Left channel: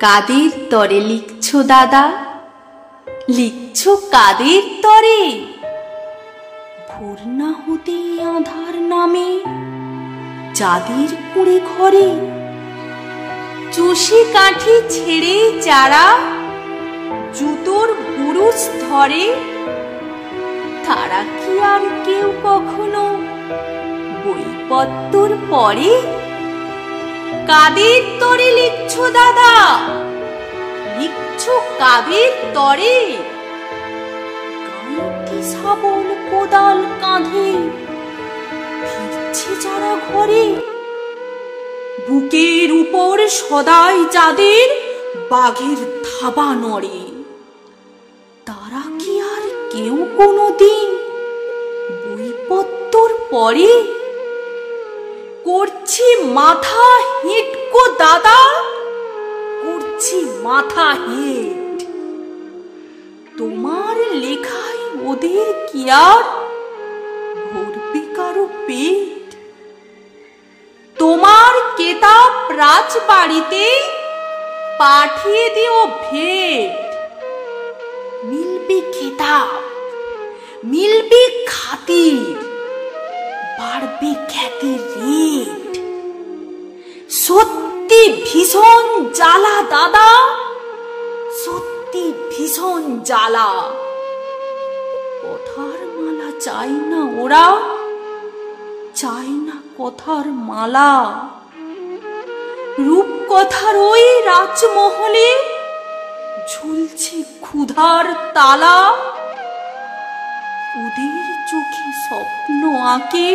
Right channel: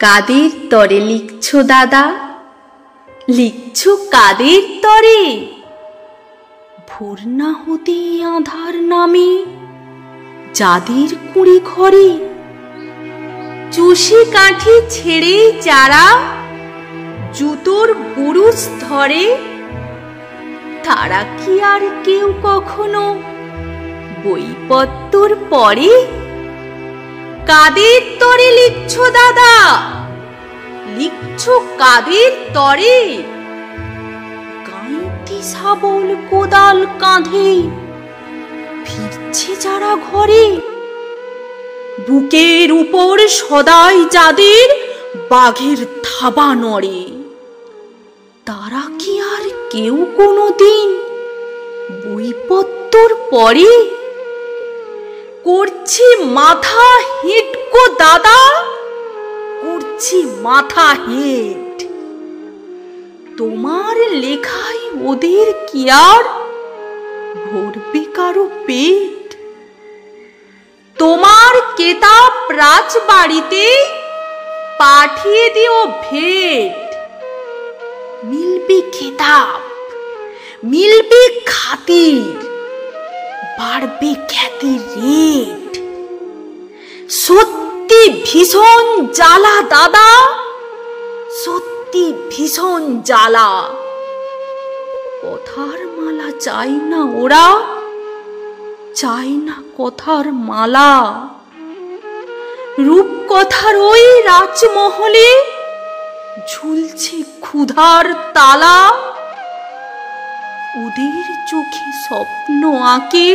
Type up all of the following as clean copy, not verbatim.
কাদের তরে লিখছো দাদা, লিখছো কাদের তরে? ভোর না হতে আঁধার নামে যাদের কুড়ি ঘরে, চুষি কাঠি ছেড়ে যারা জুতোর বুরুজ ধরে, তারা কি আর কেউ কখনো বইপত্তর পড়ে? কাদের তরে লিখছো দাদা, লিখছো কাদের তরে? গাঁইতি শাবল কোদাল কাঁধে ফিরছে যারা ঘরে, বুকের উপর সদাই যাদের বাঘের থাবা নড়ে, তারা কি আর কেউ কোনোদিন বইপত্তর পড়ে? করছি মাথা হিটকো দাদা, করছি মাথা হিট। তোমার লেখায় ওদের কি আর ভরবে কারো পেট? তোমার কেতাব রাজবাড়িতে পাঠিয়ে দিও ভেট। মিলবে কেতাব, মিলবে খাতির, বাড়বে খ্যাতির রেট। সত্যি ভীষণ জ্বালা দাদা, সত্যি ভীষণ জ্বালা। কথার মালা চাই না ওরা, চাই না কথার মালা। রূপকথার ওই রাজমহলে ঝুলছে ক্ষুধার তালা, ওদের চোখে স্বপ্ন আঁকে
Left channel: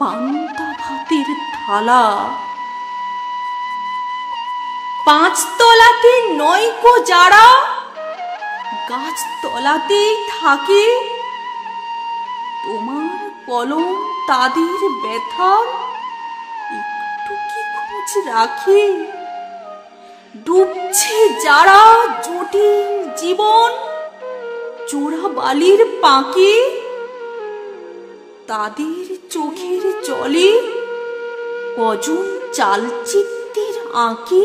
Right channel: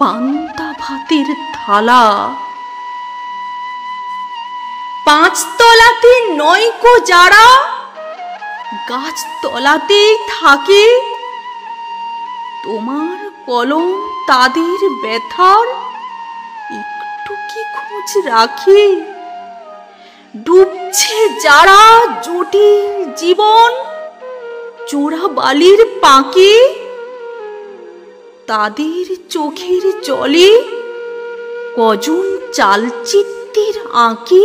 পান্তা ভাতের থালা। পাঁচতলাতে নয়কো যারা গাছতলাতেই থাকে, তোমার কলম তাদের ব্যথার একটু কি খোঁজ রাখে? ডুবছে যারা জটিল জীবন চোরা বালির পাঁকে, তাদের চোখের জলে কজন চালচিত্রের আঁকে?